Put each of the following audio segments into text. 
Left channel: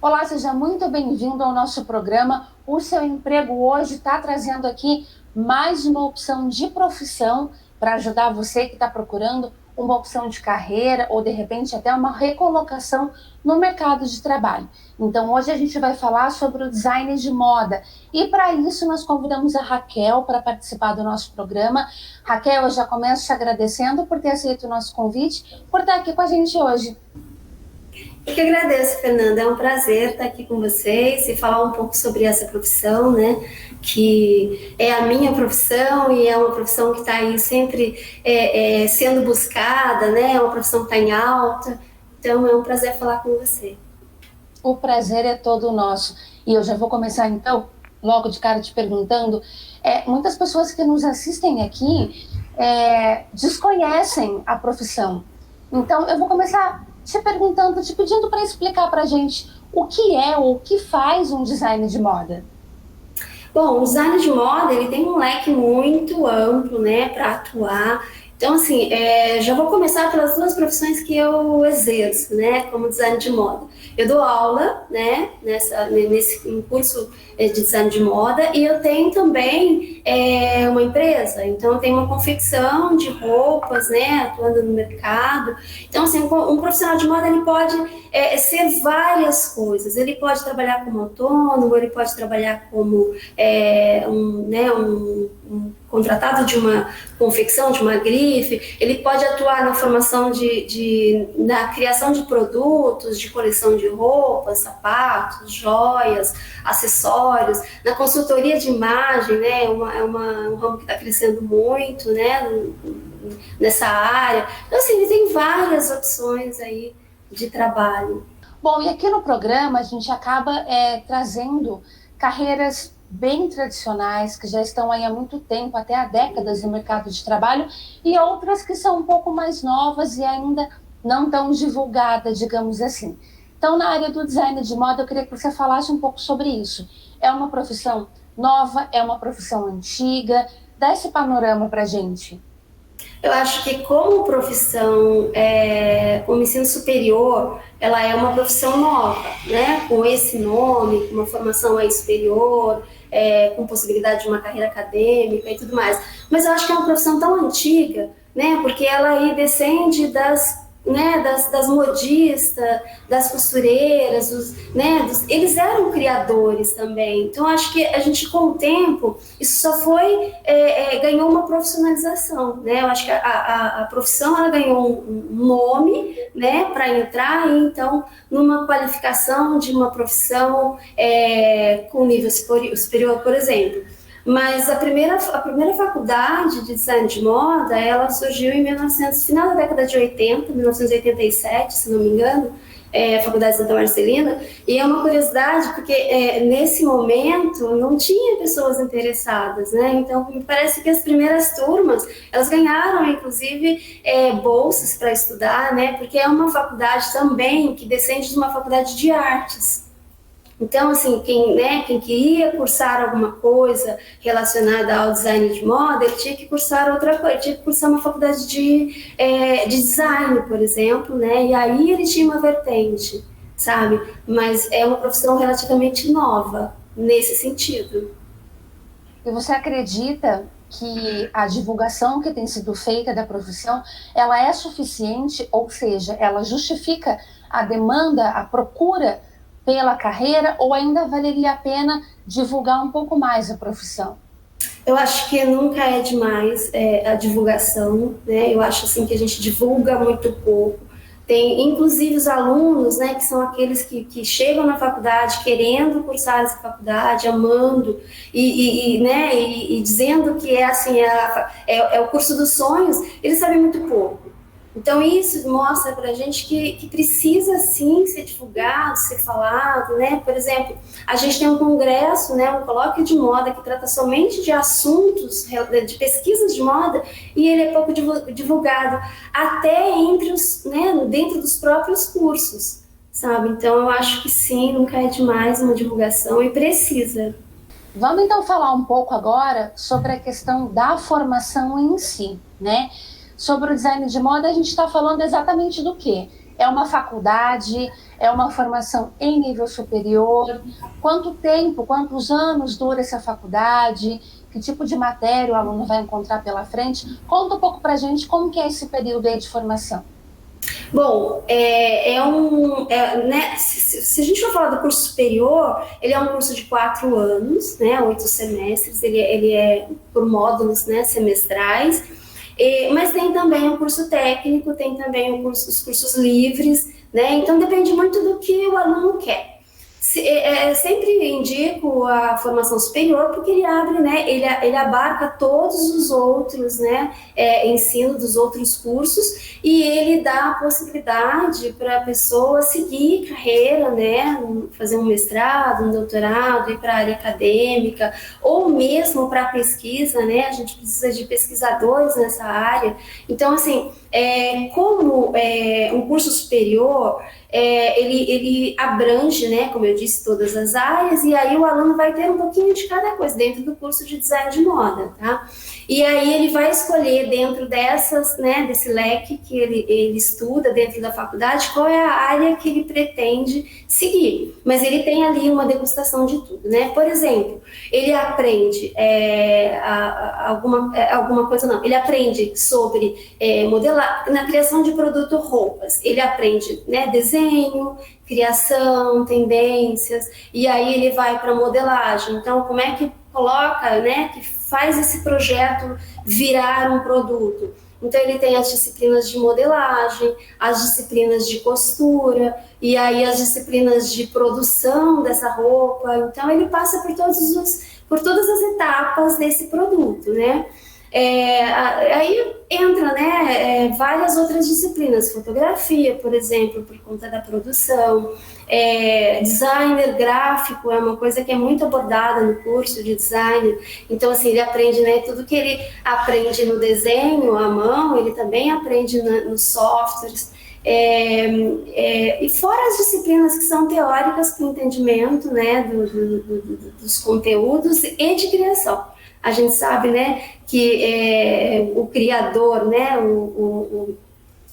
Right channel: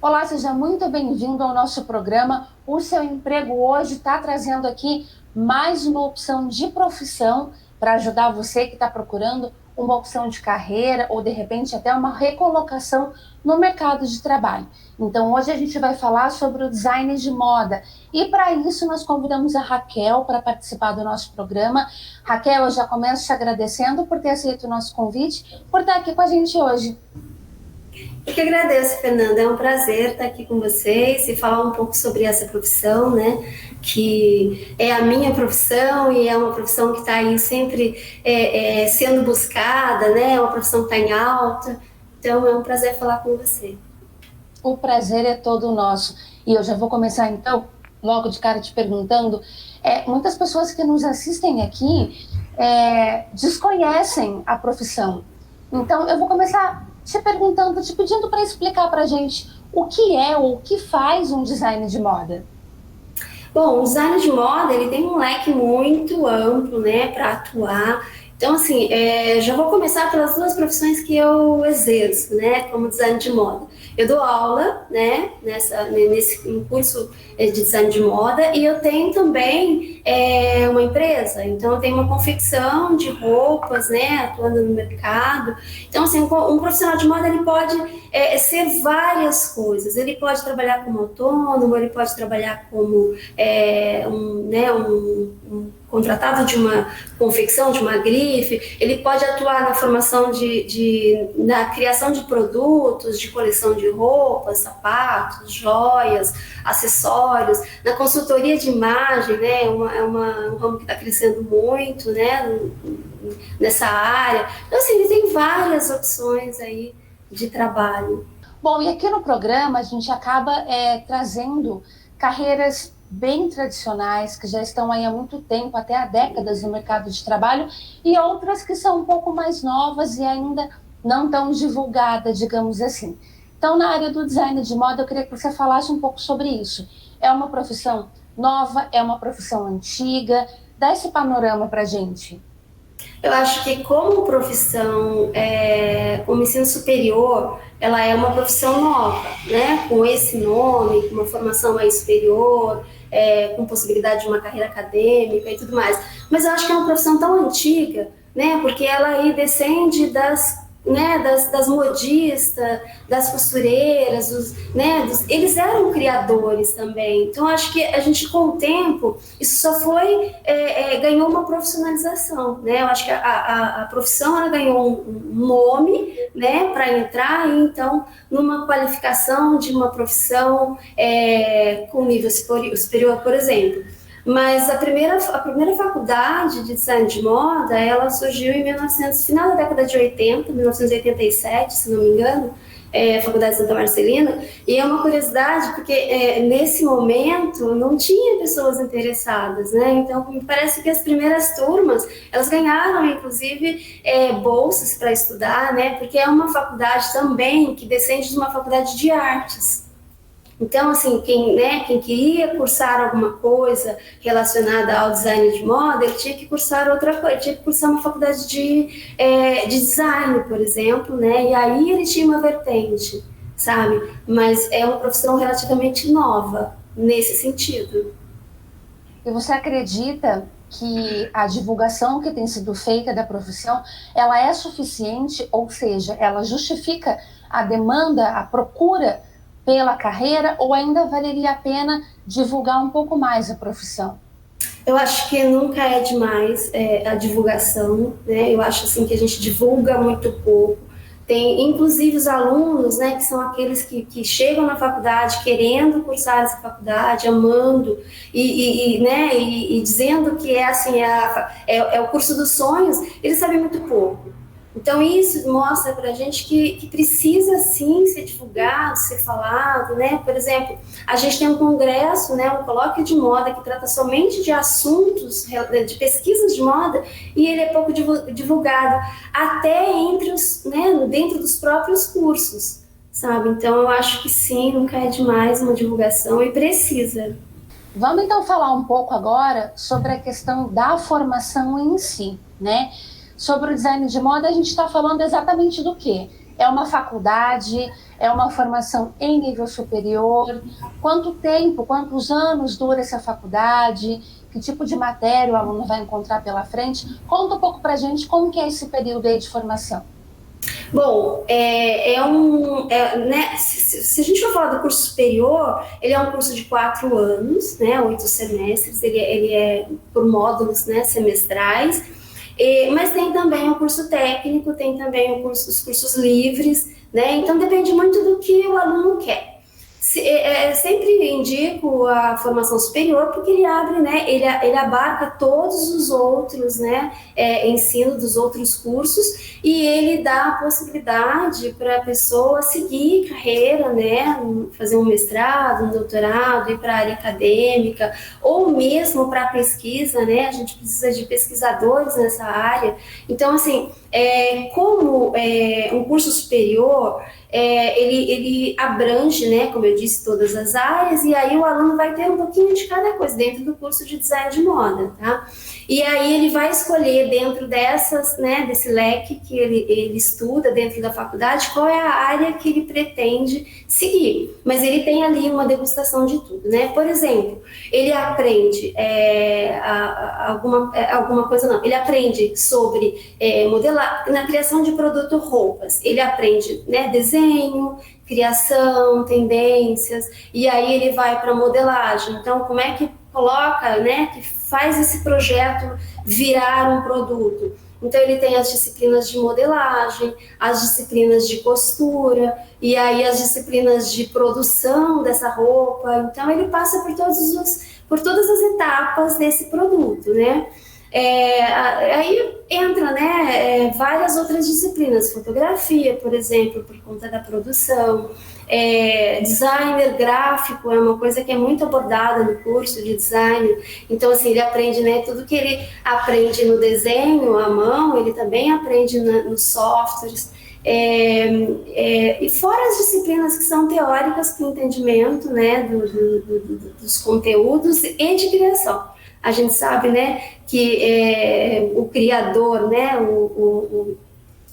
Olá, seja muito bem-vindo ao nosso programa. O Seu Emprego hoje está trazendo aqui mais uma opção de profissão para ajudar você que está procurando uma opção de carreira ou, de repente, até uma recolocação no mercado de trabalho. Então, hoje a gente vai falar sobre o design de moda. E, para isso, nós convidamos a Raquel para participar do nosso programa. Raquel, eu já começo te agradecendo por ter aceito o nosso convite, por estar aqui com a gente hoje. Eu que agradeço, Fernanda. É um prazer estar aqui com vocês e falar um pouco sobre essa profissão, né? Que é a minha profissão e é uma profissão que está aí sempre sendo buscada, né? É uma profissão que está em alta. Então, é um prazer falar com você. O prazer é todo nosso. E eu já vou começar, então, logo de cara te perguntando, muitas pessoas que nos assistem aqui desconhecem a profissão. Então, eu vou começar te perguntando, te pedindo para explicar para a gente o que é ou o que faz um design de moda. Bom, o design de moda, ele tem um leque muito amplo, né, para atuar. Então, assim, já vou começar pelas duas profissões que eu exerço, né, como design de moda. Eu dou aula, né, nesse curso de design de moda e eu tenho também uma empresa. Então, eu tenho uma confecção de roupas, né, atuando no mercado. Então, assim, um profissional de moda, ele pode ser várias coisas. Ele pode trabalhar como autônomo, ele pode trabalhar como um contratado de uma confecção, de uma grife, ele pode atuar na formação na criação de produtos, de coleção de roupas, sapatos, joias, acessórios, na consultoria de imagem, né, um ramo que está crescendo muito, né, nessa área. Então, assim, ele tem várias opções aí de trabalho. Bom, e aqui no programa a gente acaba trazendo carreiras bem tradicionais, que já estão aí há muito tempo, até há décadas no mercado de trabalho, e outras que são um pouco mais novas e ainda não tão divulgadas, digamos assim. Então, na área do design de moda, eu queria que você falasse um pouco sobre isso. É uma profissão nova? É uma profissão antiga? Dá esse panorama para a gente. Eu acho que como profissão, como ensino superior, ela é uma profissão nova, né? Com esse nome, com uma formação aí superior, com possibilidade de uma carreira acadêmica e tudo mais. Mas eu acho que é uma profissão tão antiga, né? Porque ela aí descende das modistas, das costureiras, eles eram criadores também. Então, acho que a gente, com o tempo, isso só foi, ganhou uma profissionalização, né? Eu acho que a profissão, ela ganhou um nome, né, para entrar, e então, numa qualificação de uma profissão com nível superior, por exemplo. Mas a primeira faculdade de design de moda, ela surgiu em 1900, final da década de 80, 1987, se não me engano, a Faculdade Santa Marcelina, e é uma curiosidade porque nesse momento não tinha pessoas interessadas, né? Então me parece que as primeiras turmas elas ganharam inclusive bolsas para estudar, né? Porque é uma faculdade também que descende de uma faculdade de artes. Então, assim, quem queria cursar alguma coisa relacionada ao design de moda, ele tinha que cursar outra coisa, tinha que cursar uma faculdade de design, por exemplo, né? E aí ele tinha uma vertente, sabe? Mas é uma profissão relativamente nova nesse sentido. E você acredita que a divulgação que tem sido feita da profissão, ela é suficiente, ou seja, ela justifica a demanda, a procura pela carreira, ou ainda valeria a pena divulgar um pouco mais a profissão? Eu acho que nunca é demais a divulgação, né? Eu acho assim que a gente divulga muito pouco. Tem, inclusive, os alunos, né, que são aqueles que chegam na faculdade querendo cursar essa faculdade, amando e dizendo que é assim é o curso dos sonhos. Eles sabem muito pouco. Então, isso mostra para a gente que precisa, sim, ser divulgado, ser falado, né? Por exemplo, a gente tem um congresso, né, um colóquio de moda que trata somente de assuntos, de pesquisas de moda, e ele é pouco divulgado, até dentro dos próprios cursos, sabe? Então, eu acho que sim, nunca é demais uma divulgação e precisa. Vamos então falar um pouco agora sobre a questão da formação em si, né? Sobre o design de moda, a gente está falando exatamente do quê? É uma faculdade? É uma formação em nível superior? Quanto tempo, quantos anos dura essa faculdade? Que tipo de matéria o aluno vai encontrar pela frente? Conta um pouco para a gente como que é esse período aí de formação. Bom, né, se a gente for falar do curso superior, ele é um curso de 4 anos, né, 8 semestres, ele é por módulos, né, semestrais, mas tem também o curso técnico, tem também os cursos livres, né, então depende muito do que o aluno quer. Sempre indico a formação superior porque ele abre, né, ele abarca todos os outros, né, ensino dos outros cursos e ele dá a possibilidade para a pessoa seguir carreira, né, fazer um mestrado, um doutorado, ir para a área acadêmica ou mesmo para pesquisa, né, a gente precisa de pesquisadores nessa área. Então, assim, como um curso superior, ele abrange, né, como eu disse, todas as áreas, e aí o aluno vai ter um pouquinho de cada coisa dentro do curso de design de moda, tá? E aí ele vai escolher dentro dessas, né, desse leque que ele estuda dentro da faculdade, qual é a área que ele pretende seguir. Mas ele tem ali uma degustação de tudo, né? Por exemplo, ele aprende alguma coisa, não, ele aprende sobre modelar, na criação de produto roupas, ele aprende, né, desenho, criação, tendências, e aí ele vai para modelagem. Então, como é que coloca, né, que faz esse projeto virar um produto? Então, ele tem as disciplinas de modelagem, as disciplinas de costura, e aí as disciplinas de produção dessa roupa. Então, ele passa por todas as etapas desse produto, né? Aí entra, né, várias outras disciplinas, fotografia, por exemplo, por conta da produção, designer gráfico é uma coisa que é muito abordada no curso de design. Então, assim, ele aprende, né, tudo que ele aprende no desenho à mão, ele também aprende nos softwares. E fora as disciplinas que são teóricas com entendimento, né, dos conteúdos e de criação. A gente sabe, né, que o criador, né, o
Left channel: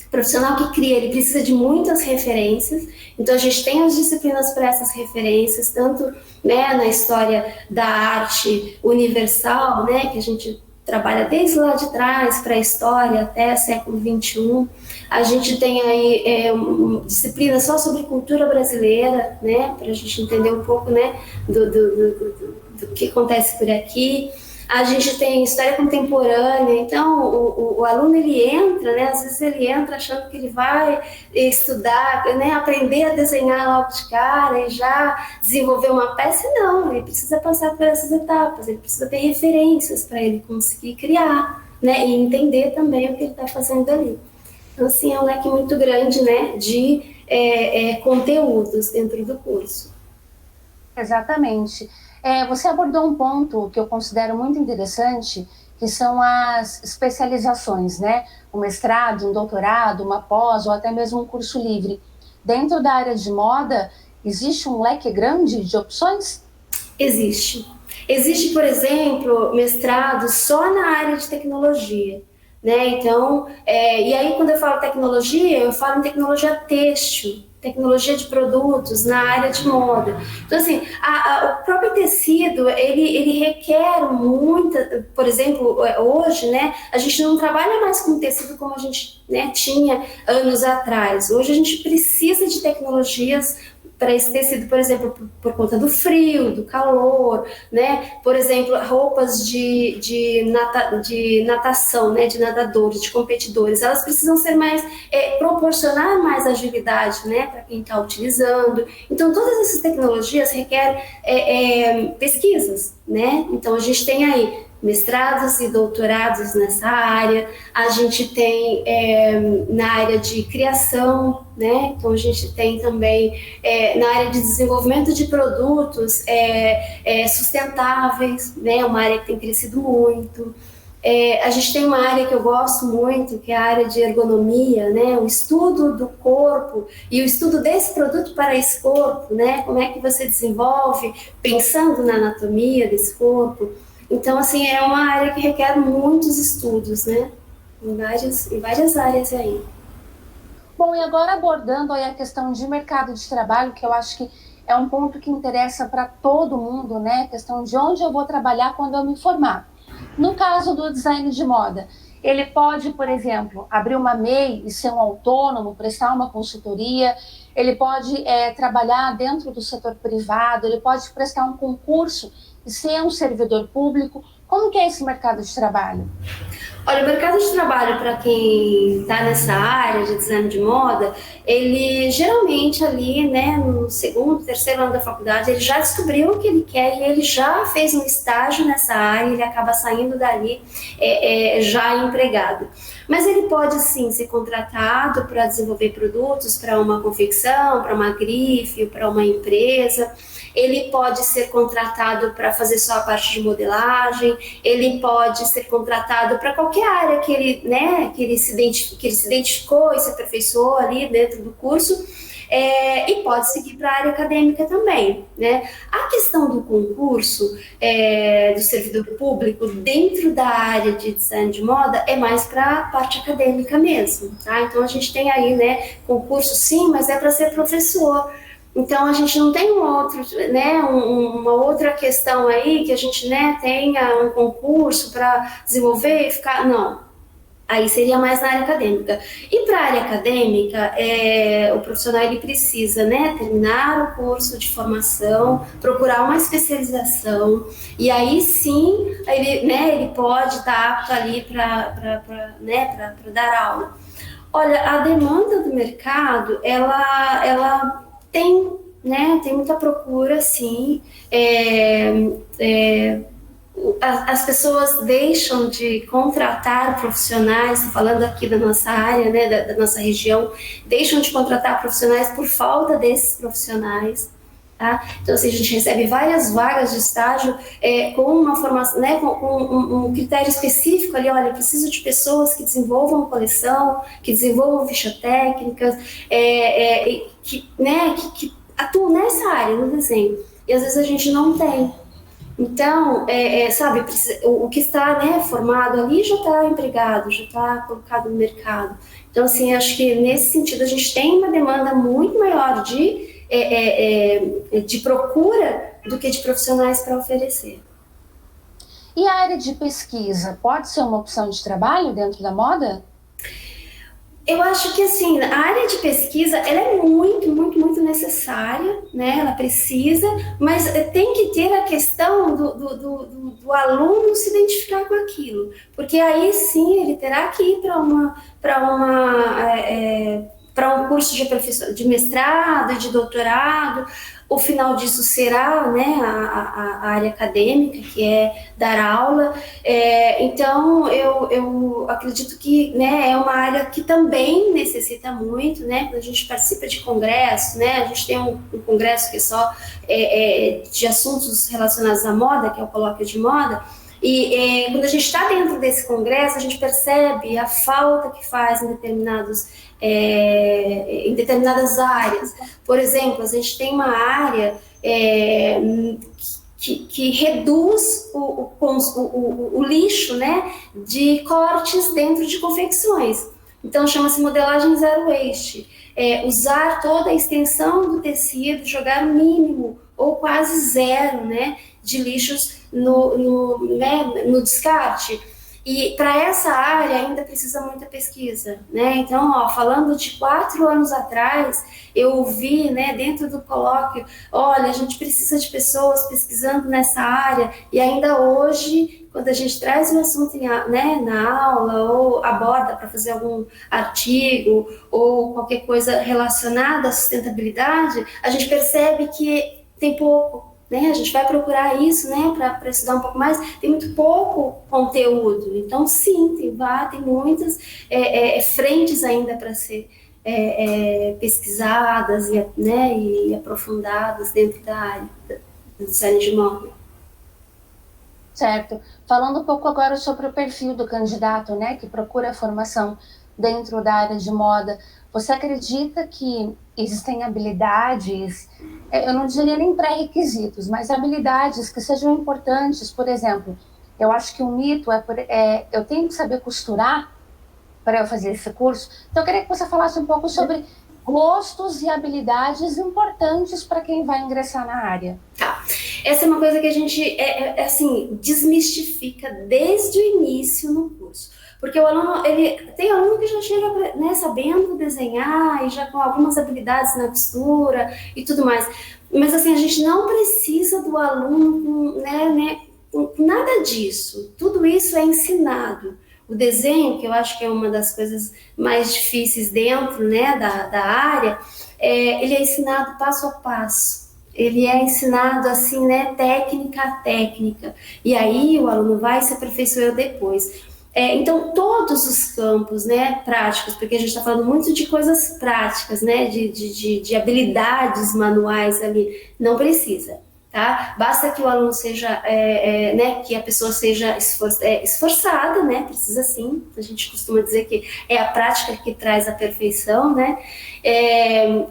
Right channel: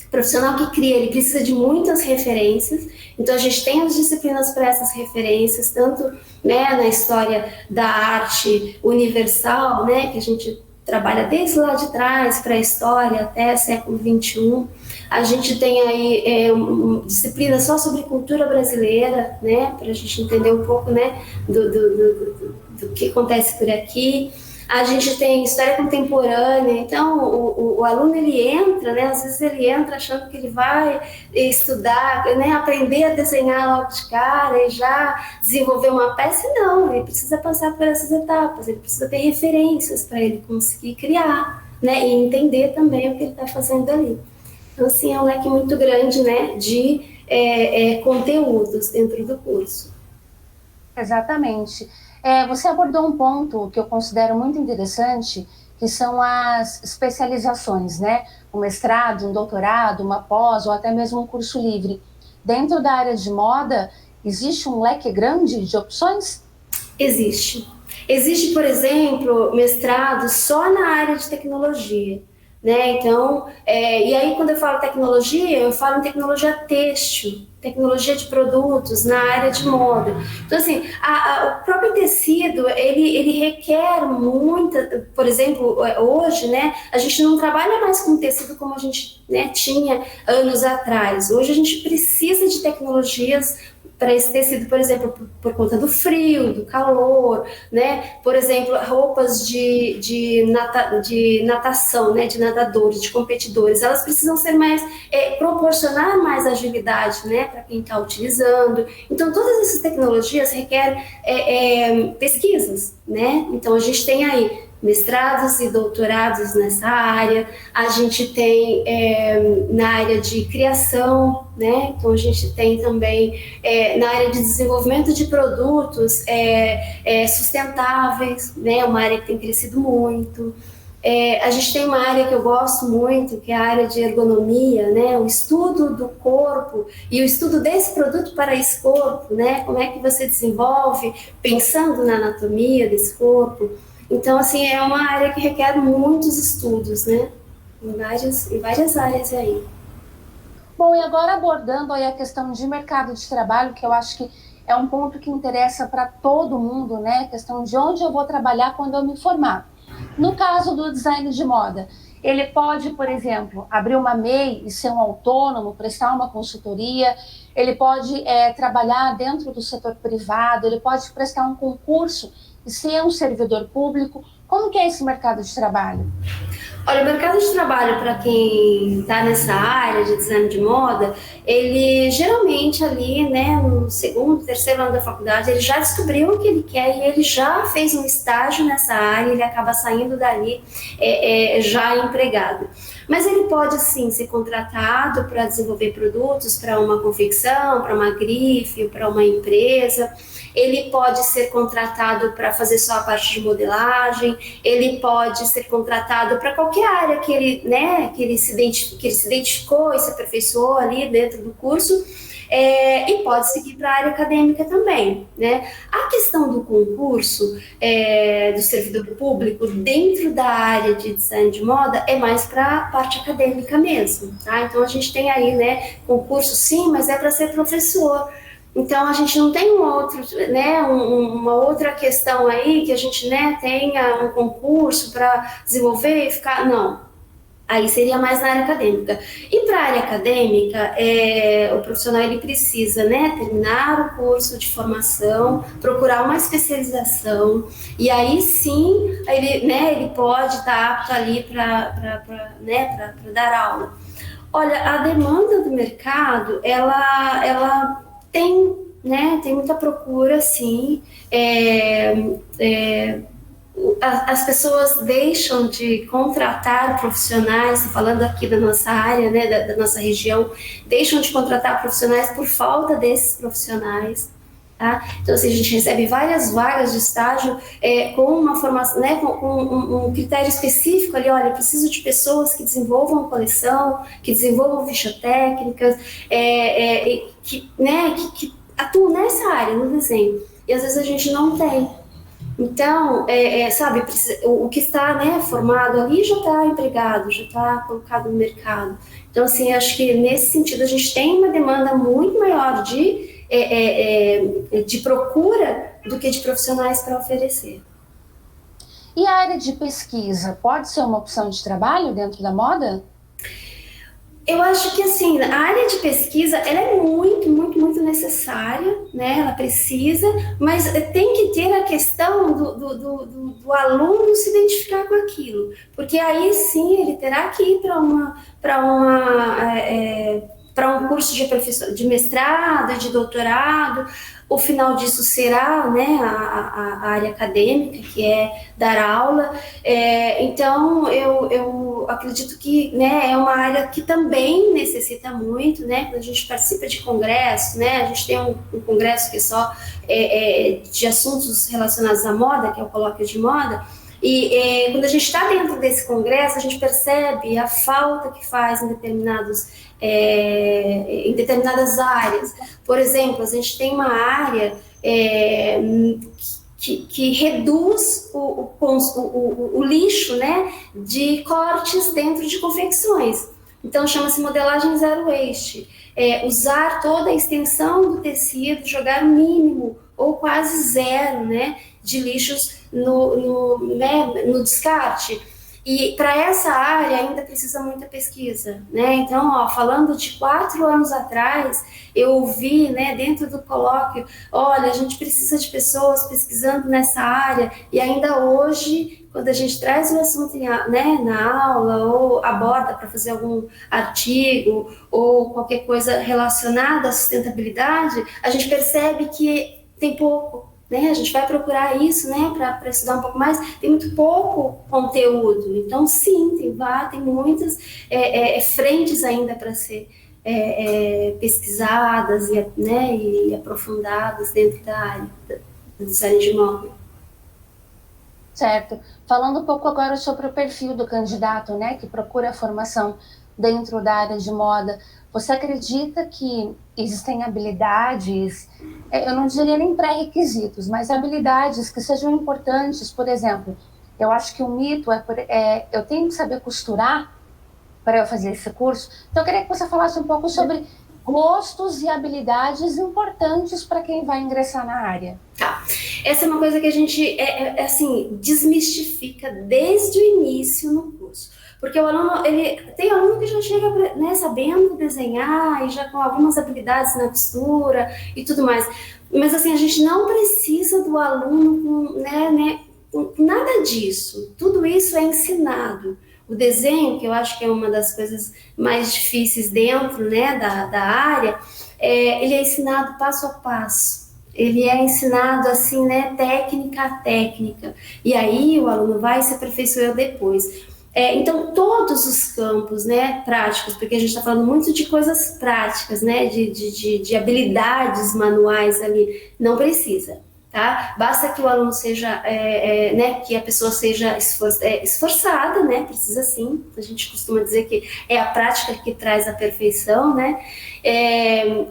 profissional que cria, ele precisa de muitas referências. Então, a gente tem as disciplinas para essas referências, tanto, né, na história da arte universal, né, que a gente trabalha desde lá de trás para a história até século XXI. A gente tem aí disciplina só sobre cultura brasileira, né, para a gente entender um pouco, né, do que acontece por aqui. A gente tem história contemporânea, então o aluno ele entra, né, às vezes ele entra achando que ele vai estudar, né, aprender a desenhar logo de cara e já desenvolver uma peça. Não, ele precisa passar por essas etapas, ele precisa ter referências para ele conseguir criar, né, e entender também o que ele está fazendo ali. Então, assim, é um leque muito grande, né, de conteúdos dentro do curso. Exatamente. Você abordou um ponto que eu considero muito interessante, que são as especializações, né? Um mestrado, um doutorado, uma pós ou até mesmo um curso livre. Dentro da área de moda, existe um leque grande de opções? Existe. Existe, por exemplo, mestrado só na área de tecnologia, né? Então, e aí quando eu falo tecnologia, eu falo em tecnologia têxtil, tecnologia de produtos na área de moda. Então, assim, o próprio tecido, ele requer muita, por exemplo, hoje, né, a gente não trabalha mais com tecido como a gente, né, tinha anos atrás. Hoje a gente precisa de tecnologias para esse tecido, por exemplo, por conta do frio, do calor, né? Por exemplo, roupas de natação, né? De nadadores, de competidores, elas precisam ser mais, proporcionar mais agilidade, né? Para quem está utilizando. Então, todas essas tecnologias requerem pesquisas, né? Então, a gente tem aí mestrados e doutorados nessa área, a gente tem na área de criação, né? Então a gente tem também na área de desenvolvimento de produtos sustentáveis, né? Uma área que tem crescido muito. A gente tem uma área que eu gosto muito, que é a área de ergonomia, né? O estudo do corpo e o estudo desse produto para esse corpo, né? Como é que você desenvolve pensando na anatomia desse corpo. Então, assim, é uma área que requer muitos estudos, né? Em várias áreas aí. Bom, e agora abordando aí a questão de mercado de trabalho, que eu acho que é um ponto que interessa para todo mundo, né? A questão de onde eu vou trabalhar quando eu me formar. No caso do design de moda, ele pode, por exemplo, abrir uma MEI e ser um autônomo, prestar uma consultoria, ele pode trabalhar dentro do setor privado, ele pode prestar um concurso e ser um servidor público. Como que é esse mercado de trabalho? Olha, o mercado de trabalho para quem está nessa área de design de moda, ele geralmente ali, né, no segundo, terceiro ano da faculdade, ele já descobriu o que ele quer e ele já fez um estágio nessa área, ele acaba saindo dali já empregado. Mas ele pode sim ser contratado para desenvolver produtos para uma confecção, para uma grife, para uma empresa. Ele pode ser contratado para fazer só a parte de modelagem, ele pode ser contratado para qualquer área que ele, né, que ele se identificou e se aperfeiçoou ali dentro do curso, e pode seguir para a área acadêmica também, né? A questão do concurso do servidor público dentro da área de design de moda é mais para a parte acadêmica mesmo, tá? Então a gente tem aí, né, concurso sim, mas é para ser professor. Então, a gente não tem uma outra questão aí que a gente, né, tenha um concurso para desenvolver e ficar... Não, aí seria mais na área acadêmica. E para a área acadêmica, o profissional ele precisa, né, terminar o curso de formação, procurar uma especialização, e aí sim, ele pode estar apto ali para dar aula. Olha, a demanda do mercado, ela tem muita procura, sim. As pessoas deixam de contratar profissionais, falando aqui da nossa área, né, da nossa região, deixam de contratar profissionais por falta desses profissionais. Tá? Então, assim, a gente recebe várias vagas de estágio com uma formação, né, com um critério específico ali, olha, preciso de pessoas que desenvolvam coleção, que desenvolvam ficha técnicas, que atuam nessa área, no desenho. E às vezes a gente não tem. Então, sabe, o que está, né, formado ali já está empregado, já está colocado no mercado. Então, assim, acho que nesse sentido a gente tem uma demanda muito maior de procura do que de profissionais para oferecer. E a área de pesquisa pode ser uma opção de trabalho dentro da moda? Eu acho que, assim, a área de pesquisa, ela é muito, muito, muito necessária, né? Ela precisa, mas tem que ter a questão do aluno se identificar com aquilo, porque aí sim ele terá que ir para um curso de mestrado e de doutorado. O final disso será, né, a área acadêmica, que é dar aula. Então, eu acredito que, né, é uma área que também necessita muito, né, quando a gente participa de congresso, né, a gente tem um congresso que é só de assuntos relacionados à moda, que é o Colóquio de Moda, e quando a gente está dentro desse congresso, a gente percebe a falta que faz em determinadas áreas. Por exemplo, a gente tem uma área que reduz o lixo, né, de cortes dentro de confecções. Então, chama-se modelagem zero waste. Usar toda a extensão do tecido, jogar o mínimo ou quase zero, né, de lixos no descarte. E para essa área ainda precisa muita pesquisa, né? Então, falando de 4 anos atrás, eu ouvi, né, dentro do colóquio, olha, a gente precisa de pessoas pesquisando nessa área, e ainda hoje, quando a gente traz o assunto na aula, ou aborda para fazer algum artigo, ou qualquer coisa relacionada à sustentabilidade, a gente percebe que tem pouco. Né? A gente vai procurar isso, né, para estudar um pouco mais, tem muito pouco conteúdo. Então, sim, tem muitas frentes ainda para ser pesquisadas e aprofundadas dentro da área do design de moda. Certo. Falando um pouco agora sobre o perfil do candidato, né, que procura a formação dentro da área de moda, você acredita que existem habilidades, eu não diria nem pré-requisitos, mas habilidades que sejam importantes? Por exemplo, eu acho que o mito eu tenho que saber costurar, para eu fazer esse curso. Então, eu queria que você falasse um pouco sobre gostos e habilidades importantes para quem vai ingressar na área. Tá. Essa é uma coisa que a gente, assim, desmistifica desde o início no curso. Porque o aluno, tem aluno que já chega, né, sabendo desenhar e já com algumas habilidades na costura e tudo mais. Mas, assim, a gente não precisa do aluno com nada disso. Tudo isso é ensinado. O desenho, que eu acho que é uma das coisas mais difíceis dentro, né, da área, ele é ensinado passo a passo. Ele é ensinado assim, né, técnica a técnica. E aí o aluno vai se aperfeiçoando depois. Então, todos os campos, né, práticos, porque a gente está falando muito de coisas práticas, né, de habilidades manuais ali, não precisa. Tá? Basta que o aluno seja, né, que a pessoa seja esforçada, né, precisa sim, a gente costuma dizer que é a prática que traz a perfeição, né,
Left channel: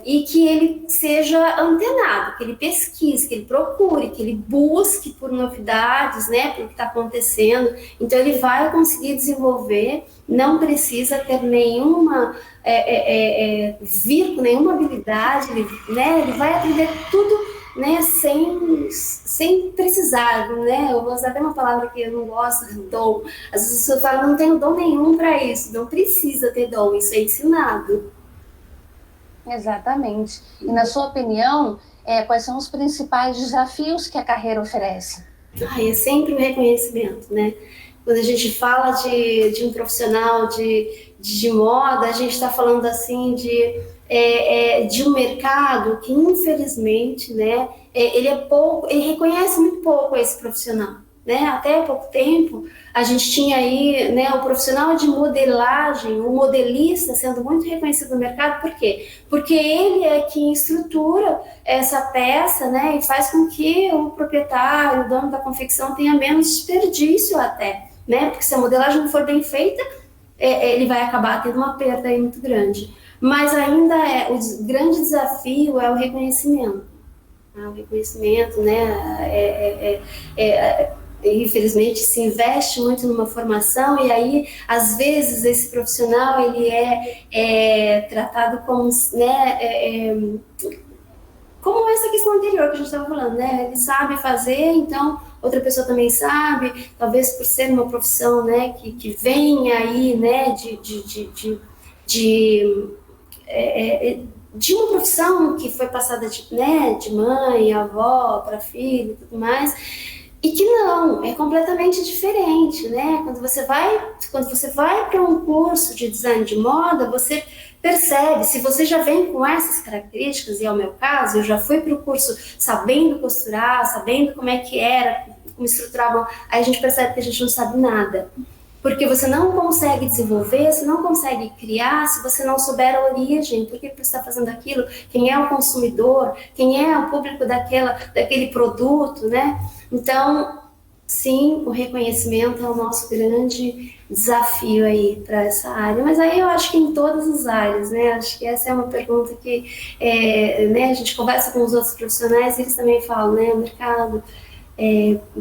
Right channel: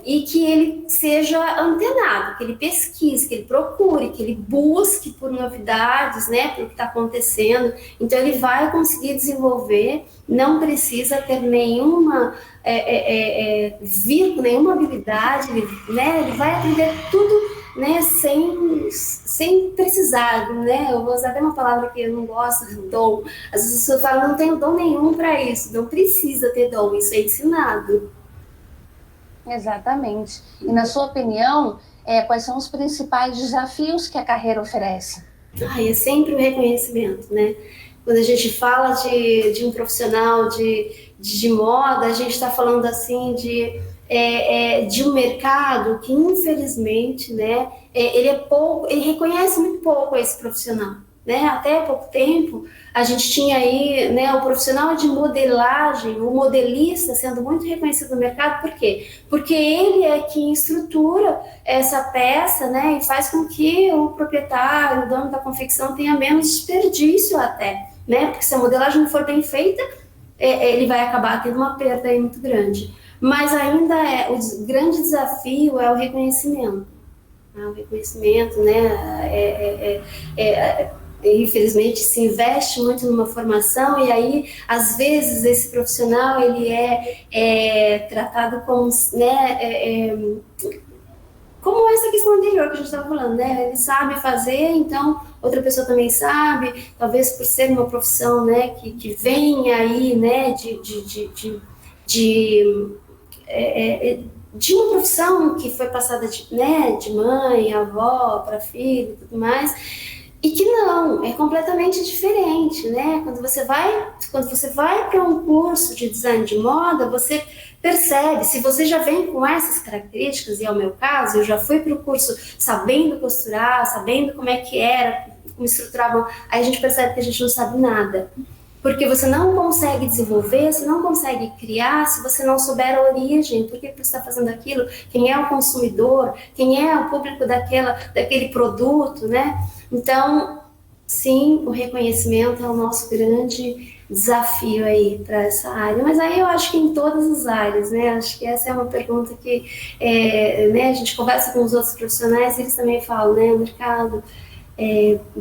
e que ele seja antenado, que ele pesquise, que ele procure, que ele busque por novidades, né, pelo que está acontecendo, então ele vai conseguir desenvolver, não precisa ter nenhuma, vir com nenhuma habilidade, né, ele vai aprender tudo, né, sem precisar, né, eu vou usar até uma palavra que eu não gosto, dom. As pessoas falam, não tenho dom nenhum para isso, não precisa ter dom, isso é ensinado. Exatamente. E na sua opinião, quais são os principais desafios que a carreira oferece? É sempre o reconhecimento, né? Quando a gente fala de um profissional de moda, a gente está falando assim de um mercado que infelizmente, né, ele reconhece muito pouco esse profissional, né? Até há pouco tempo a gente tinha aí, né, o profissional de modelagem, o modelista sendo muito reconhecido no mercado, por quê? Porque ele é quem estrutura essa peça, né, e faz com que o proprietário, o dono da confecção tenha menos desperdício até, né? Porque se a modelagem não for bem feita, ele vai acabar tendo uma perda aí muito grande. Mas ainda o grande desafio é o reconhecimento. O reconhecimento, né? Infelizmente se investe muito numa formação e aí às vezes esse profissional ele é tratado como, né, como essa questão anterior que a gente estava falando, né? Ele sabe fazer, então outra pessoa também sabe, talvez por ser uma profissão, né, que vem aí, né, de uma profissão que foi passada de mãe, avó para filho e tudo mais, e que não, é completamente diferente, né? Quando você vai para um curso de design de moda, você percebe, se você já vem com essas características, e é o meu caso, eu já fui para o curso sabendo costurar, sabendo como é que era, como estruturavam, aí a gente percebe que a gente não sabe nada. Porque você não consegue desenvolver, você não consegue criar se você não souber a origem, por que você está fazendo aquilo, quem é o consumidor, quem é o público daquele produto, né? Então, sim, o reconhecimento é o nosso grande desafio aí para essa área, mas aí eu acho que em todas as áreas, né? Acho que essa é uma pergunta que né, a gente conversa com os outros profissionais e eles também falam, né? O mercado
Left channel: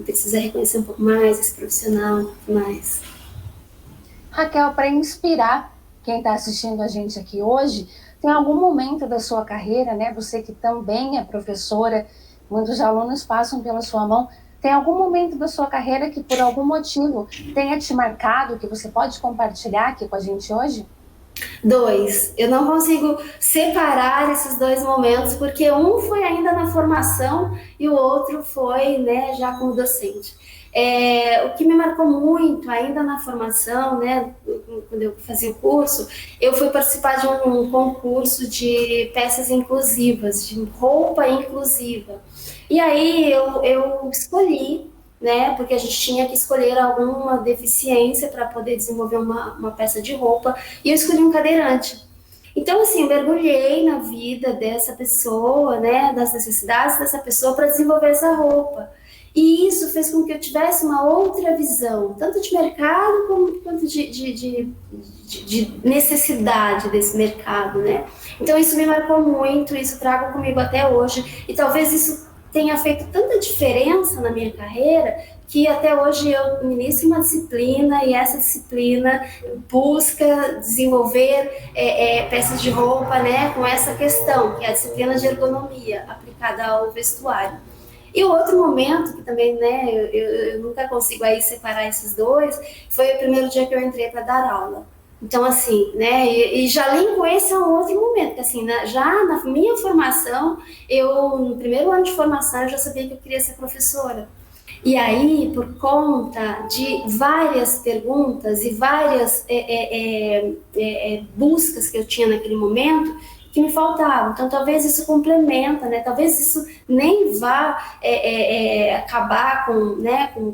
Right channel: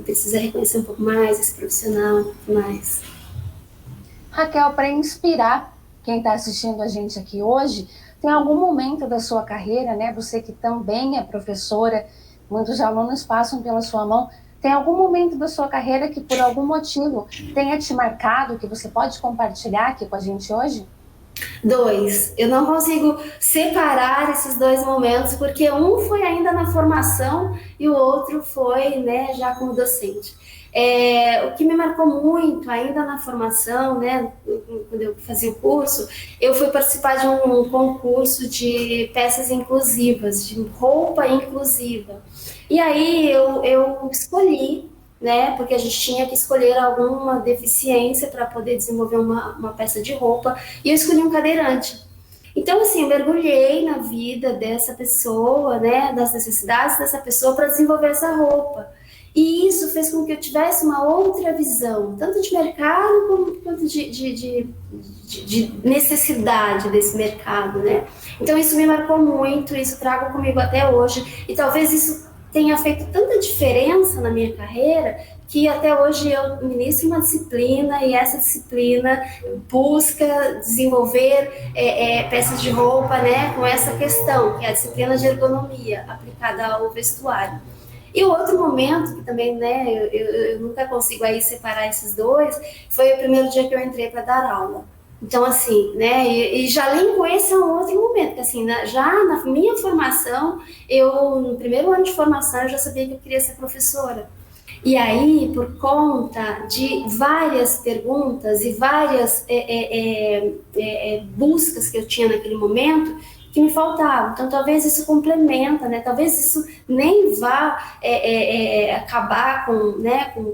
precisa reconhecer um pouco mais esse profissional, um pouco mais. Raquel, para inspirar quem está assistindo a gente aqui hoje, tem algum momento da sua carreira, né? Você que também é professora, muitos alunos passam pela sua mão. Tem algum momento da sua carreira que, por algum motivo, tenha te marcado, que você pode compartilhar aqui com a gente hoje? Dois. Eu não consigo separar esses dois momentos, porque um foi ainda na formação e o outro foi, né, já como docente. O que me marcou muito, ainda na formação, né, quando eu fazia o curso, eu fui participar de um concurso de peças inclusivas, de roupa inclusiva. E aí eu escolhi, né, porque a gente tinha que escolher alguma deficiência para poder desenvolver uma peça de roupa, e eu escolhi um cadeirante. Então, assim, eu mergulhei na vida dessa pessoa, né, das necessidades dessa pessoa para desenvolver essa roupa. E isso fez com que eu tivesse uma outra visão, tanto de mercado quanto de necessidade desse mercado, né? Então, isso me marcou muito, isso trago comigo até hoje, e talvez isso tenha feito tanta diferença na minha carreira que até hoje eu ministro uma disciplina e essa disciplina busca desenvolver peças de roupa, né, com essa questão, que é a disciplina de ergonomia aplicada ao vestuário. E o outro momento, que também, né, eu nunca consigo aí separar esses dois, foi o primeiro dia que eu entrei para dar aula. Então, assim, né, e já linko esse a um outro momento, que assim, já na minha formação, no primeiro ano de formação, eu já sabia que eu queria ser professora. E aí, por conta de várias perguntas e várias buscas que eu tinha naquele momento, que me faltavam. Então, talvez isso complementa, né? Talvez isso nem vá acabar com, né, com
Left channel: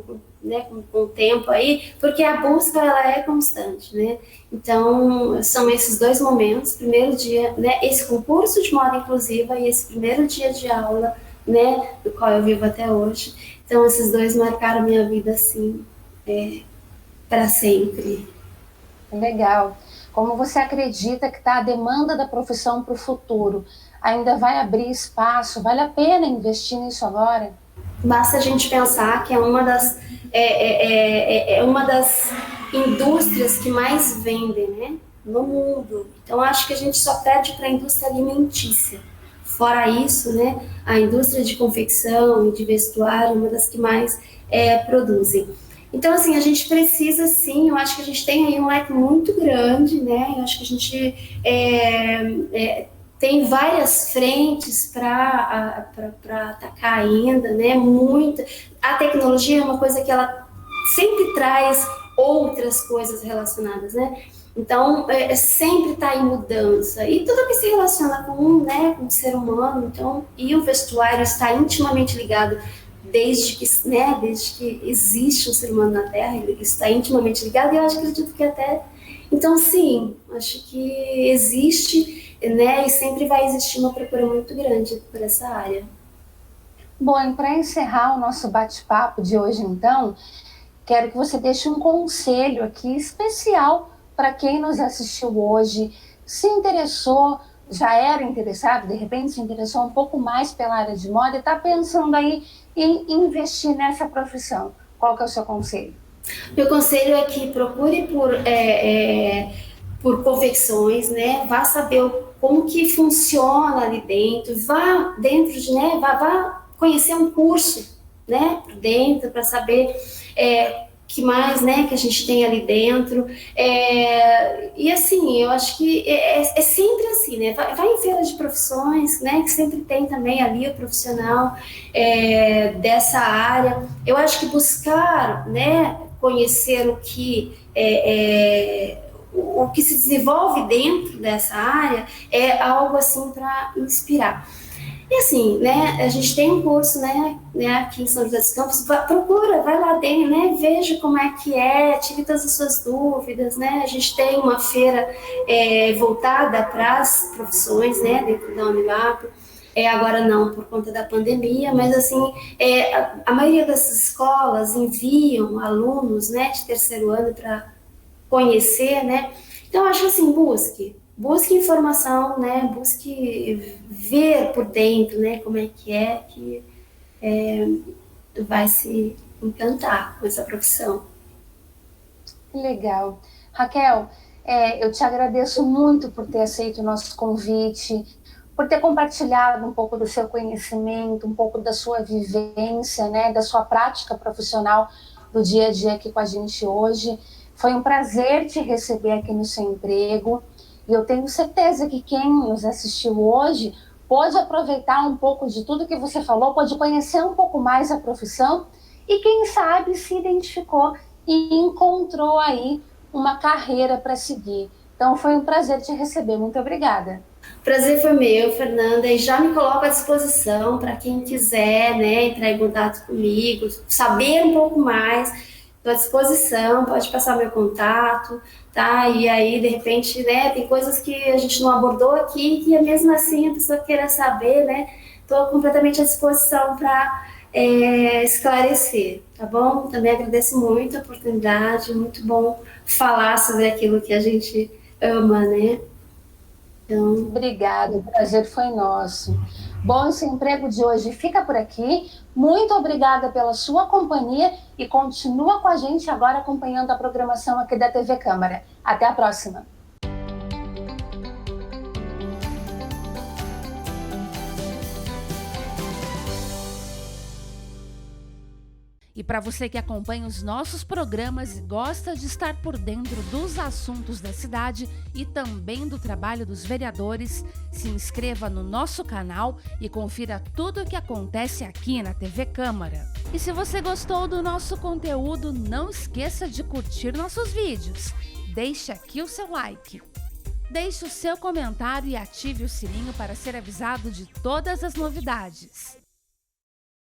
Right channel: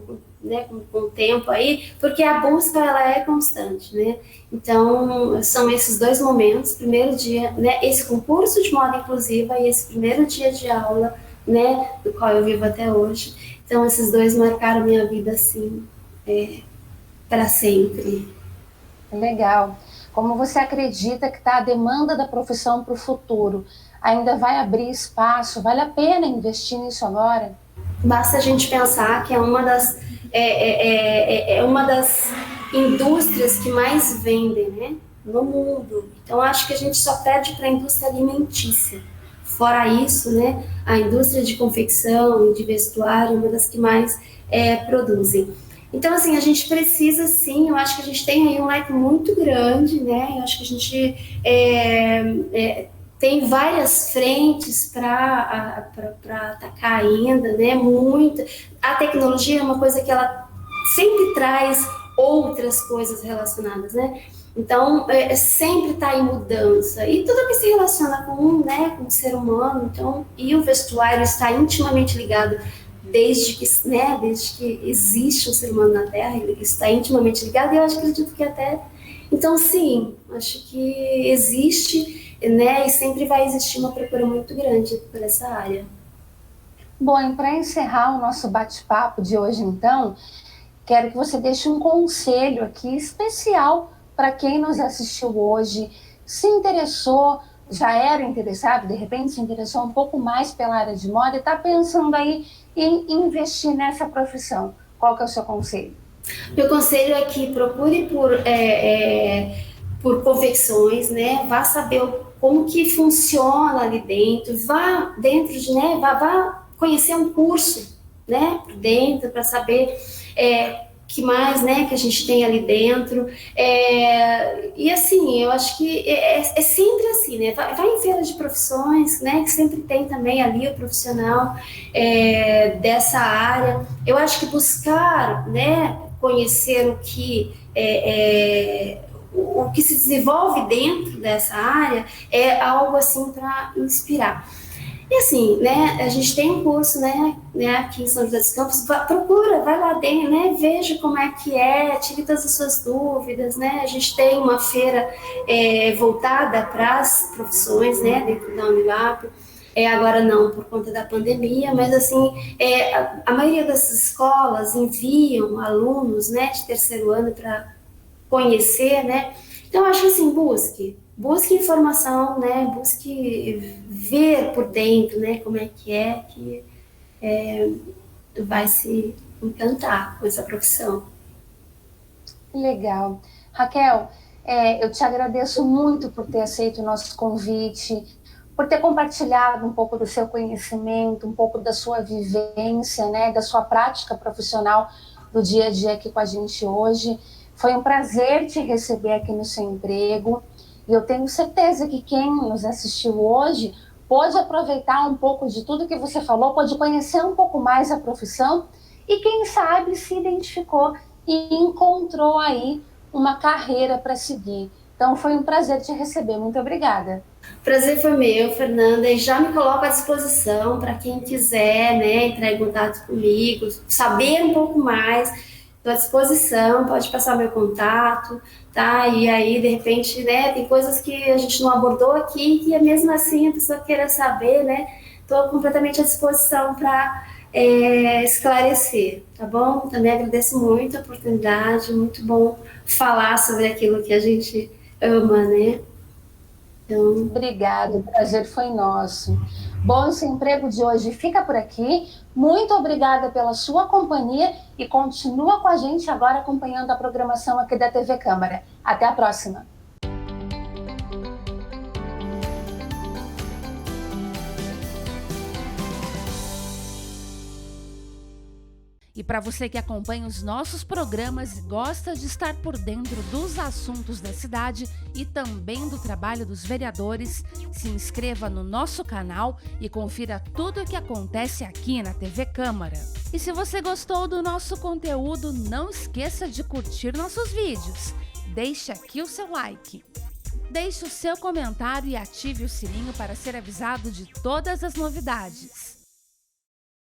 o tempo aí, porque a busca, ela é constante, né? Então, são esses dois momentos, primeiro dia, né, esse concurso de moda inclusiva e esse primeiro dia de aula, né, do qual eu vivo até hoje. Então, esses dois marcaram minha vida, assim, para sempre. Legal. Como você acredita que está a demanda da profissão para o futuro? Ainda vai abrir espaço? Vale a pena investir nisso agora? Basta a gente pensar que é uma das indústrias que mais vendem, né, no mundo. Então, acho que a gente só perde para a indústria alimentícia. Fora isso, né, a indústria de confecção e de vestuário é uma das que mais produzem. Então, assim, a gente precisa, sim, eu acho que a gente tem aí um leque muito grande, né, eu acho que a gente tem várias frentes para atacar ainda, né, muita. A tecnologia é uma coisa que ela sempre traz outras coisas relacionadas, né, então, sempre está em mudança. E tudo que se relaciona com o ser humano, então, e o vestuário está intimamente ligado desde que existe um ser humano na Terra, ele está intimamente ligado, e eu acredito que até... Então, sim, acho que existe, né, e sempre vai existir uma procura muito grande por essa área. Bom, e para encerrar o nosso bate-papo de hoje, então, quero que você deixe um conselho aqui especial para quem nos assistiu hoje, se interessou, já era interessado, de repente se interessou um pouco mais pela área de moda e está pensando aí em investir nessa profissão. Qual que é o seu conselho? Meu conselho é que procure por confecções, né? Vá saber como que funciona ali dentro, vá dentro de, né? Vá conhecer um curso, né? Por dentro, para saber que mais, né, que a gente tem ali dentro. E assim, eu acho que é sempre assim, né? Vai em feira de profissões, né? Que sempre tem também ali o profissional dessa área. Eu acho que buscar, né, conhecer o que se desenvolve dentro dessa área é algo assim para inspirar. E assim, né, a gente tem um curso, né, aqui em São José dos Campos, procura, vai lá dentro, né, veja como é que tire todas as suas dúvidas, né, a gente tem uma feira voltada para as profissões, né, dentro da Unilab, agora não, por conta da pandemia, mas assim, a maioria das escolas enviam alunos, né, de terceiro ano para conhecer, né, então eu acho assim, busque informação, né, busque ver por dentro, né, como é que vai se encantar com essa profissão. Legal. Raquel, eu te agradeço muito por ter aceito o nosso convite, por ter compartilhado um pouco do seu conhecimento, um pouco da sua vivência, né, da sua prática profissional do dia a dia aqui com a gente hoje. Foi um prazer te receber aqui no seu emprego e eu tenho certeza que quem nos assistiu hoje pode aproveitar um pouco de tudo que você falou, pode conhecer um pouco mais a profissão e quem sabe se identificou e encontrou aí uma carreira para seguir. Então foi um prazer te receber, muito obrigada. Prazer foi meu, Fernanda, e já me coloco à disposição para quem quiser, né, entrar em contato comigo, saber um pouco mais, estou à disposição, pode passar meu contato, tá? E aí, de repente, né, tem coisas que a gente não abordou aqui, que mesmo assim a pessoa queira saber, né, estou completamente à disposição para esclarecer, tá bom? Também agradeço muito a oportunidade, muito bom falar sobre aquilo que a gente ama, né? Então, Obrigada, o prazer foi nosso. Bom, esse emprego de hoje fica por aqui. Muito obrigada pela sua companhia e continua com a gente agora acompanhando a programação aqui da TV Câmara. Até a próxima! E para você que acompanha os nossos programas e gosta de estar por dentro dos assuntos da cidade e também do trabalho dos vereadores, se inscreva no nosso canal e confira tudo o que acontece aqui na TV Câmara. E se você gostou do nosso conteúdo, não esqueça de curtir nossos vídeos. Deixe aqui o seu like. Deixe o seu comentário e ative o sininho para ser avisado de todas as novidades.